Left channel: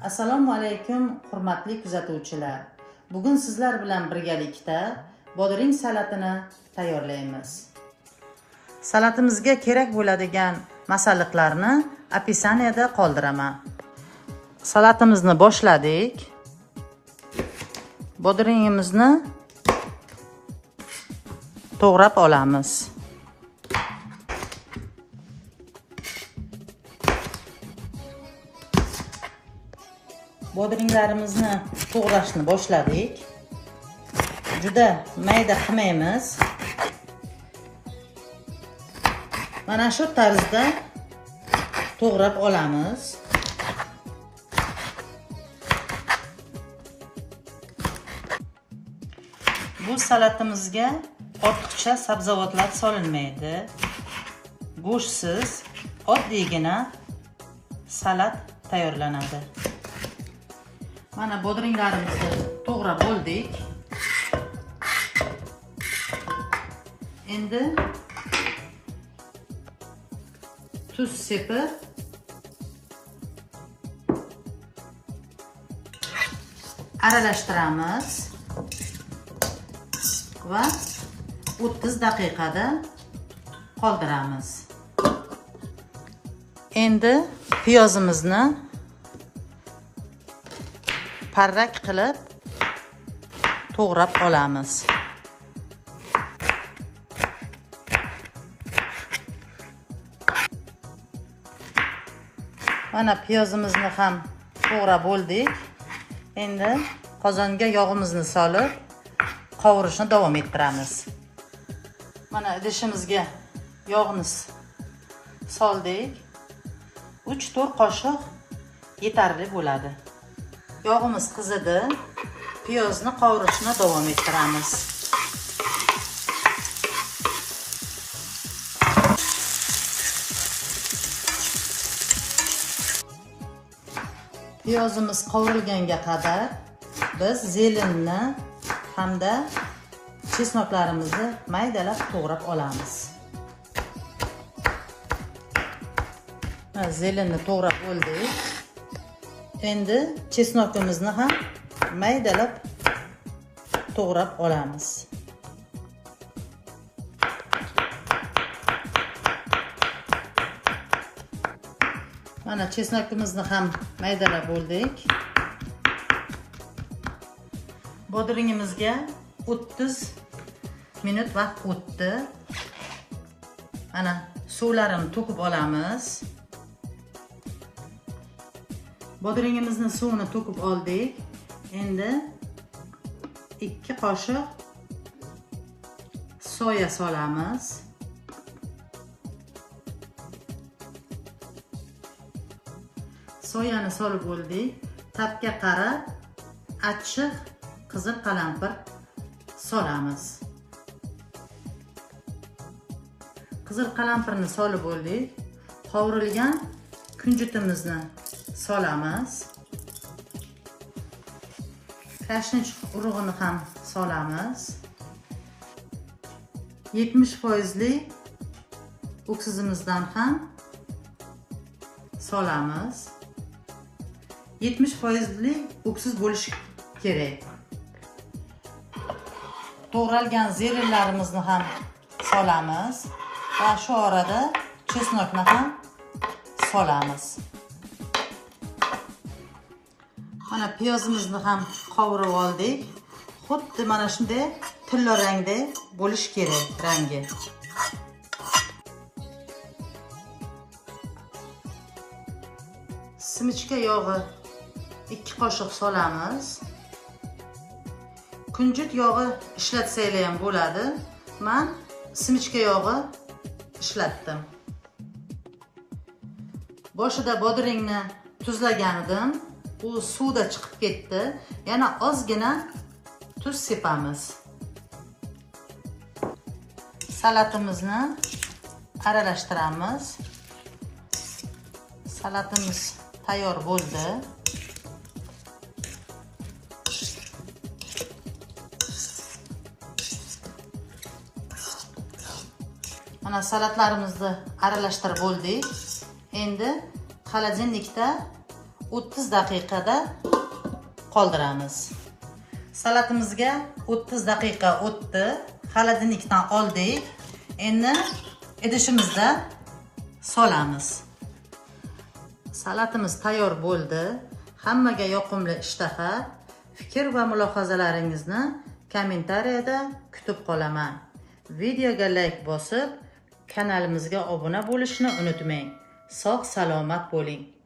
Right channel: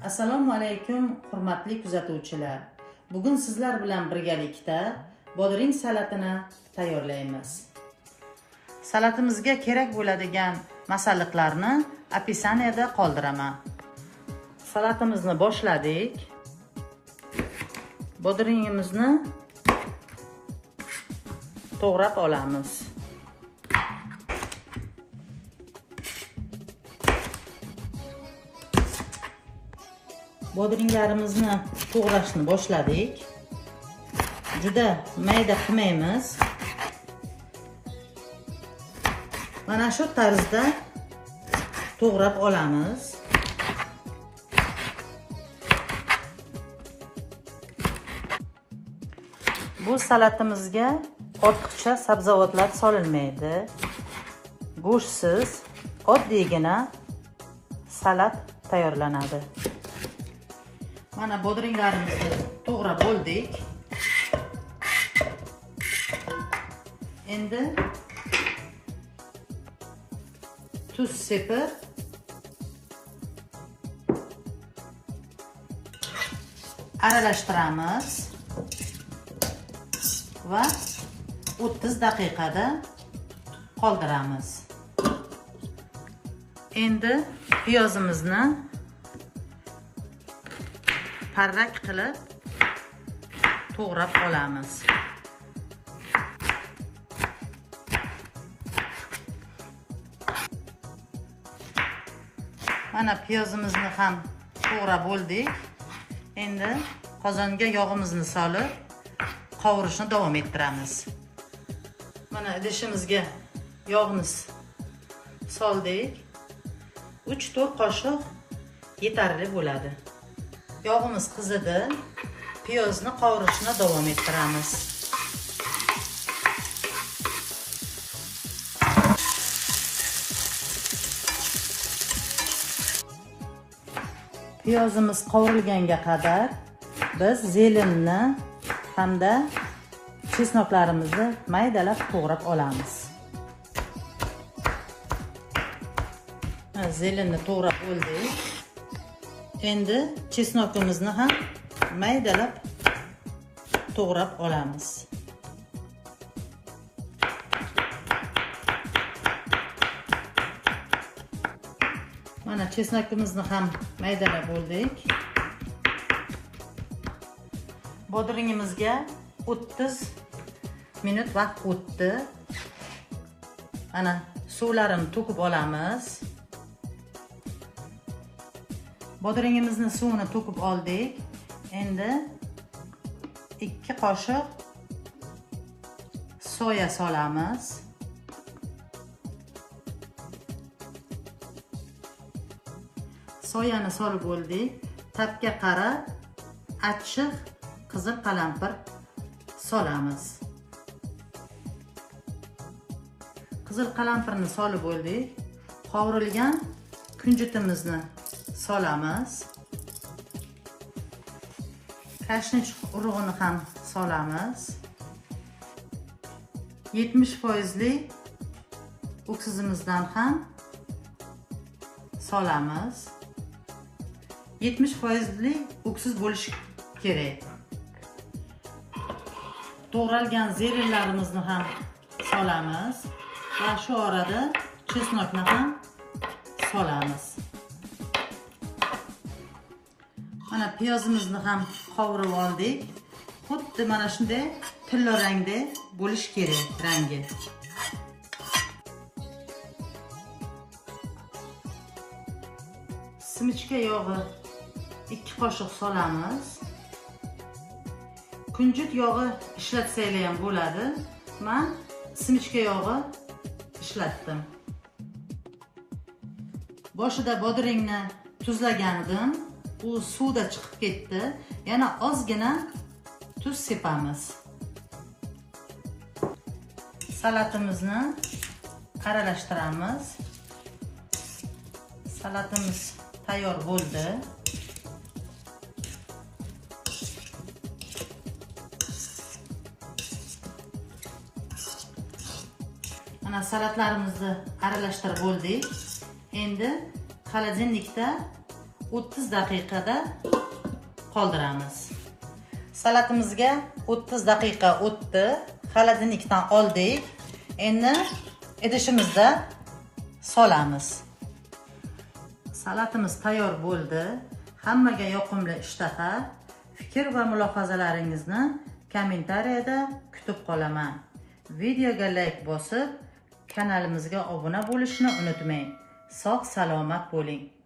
Assalomu alaykum hurmatli kuzatuvchilar. Bugun sizlar bilan birgalikda bodring salatini tayyorlaymiz. Salatimizga kerak bo'ladigan masalliqlarni opisaniyada qoldiraman. Salatimizni boshladik. Bodringimizni to'g'rab olamiz. Bodringlarimizni to'g'rashni boshladik. Juda mayda qilmaymiz. Mana shu tarzda to'g'rab olamiz. Bu salatimizga ortiqcha sabzavotlar solinmaydi. Go'shtsiz, oddiygina salat tayyorlanadi. Mana bodringlarimizni to'g'rab bo'ldik. Endi tuz sepib aralashtiramiz va 30 daqiqada qoldiramiz. Endi piyozimizni parrak qilib to'g'rab olamiz. Mana piyozimizni ham to'g'rab bo'ldik. Endi qozonga yog'imizni solib qovurishni davom ettiramiz. Mana idishimizga yog'ni soldik. 3-4 qoshiq yetarli bo'ladi. Yog'imiz qizidi. Piyozni qovurishni davom ettiramiz. Piyozimiz qovurilganga qadar biz zelinni hamda chesnoklarimizni maydalab to'g'rab olamiz. Zelinni to'g'rab oldik. Endi chesnokimizni ham maydalab to'g'rab olamiz. Mana chesnokimizni ham maydalab bo'ldik. Bodringimizga 30 minut vaqt o'tdi. Mana suvlarini to'kib olamiz. Bodringimizni suvini to'kib oldik. Endi 2 qoshiq soya solamiz. Soyani solib bo'ldik. Tapga qarab achchiq qizil qalampir solamiz. Qizil qalampirni solib bo'ldik. Qovurilgan kunjutimizni solamiz. Kashnich urug'ini ham solamiz. 70% oksizimizdan ham solamiz. 70% oksiz bo'lishi kerak. To'g'ralgan zelinlarimizni ham solamiz va shu orada chesnokni ham solamiz. Mana piyozimizni ham qovurib oldik. Xuddi mana shunday tilla rangda bo'lish kerak rangi. Simichka yog'i 2 qoshiq solamiz. Kunjut yog'i ishlatsanglar ham bo'ladi. Men simichka yog'i ishlatdim. Boshida bodringni tuzlagan edim. U suvda chiqib ketdi. Yana ozgina tuz sepamiz. Salatimizni aralashtiramiz. Salatimiz tayyor bo'ldi. Mana salatlarimizni aralashtirib bo'ldik. Endi xolodilnikda 30 daqiqada qoldiramiz. Salatimizga 30 daqiqa o'tdi. Xolodilnikdan oldik. Endi idishimizda solamiz. Salatimiz tayyor bo'ldi. Hammaga yoqimli ishtaha. Fikr va mulohazalaringizni kommentariyada kutib qolaman. Videoga like bosib, kanalimizga obuna bo'lishni unutmang. Sog' salomat bo'ling.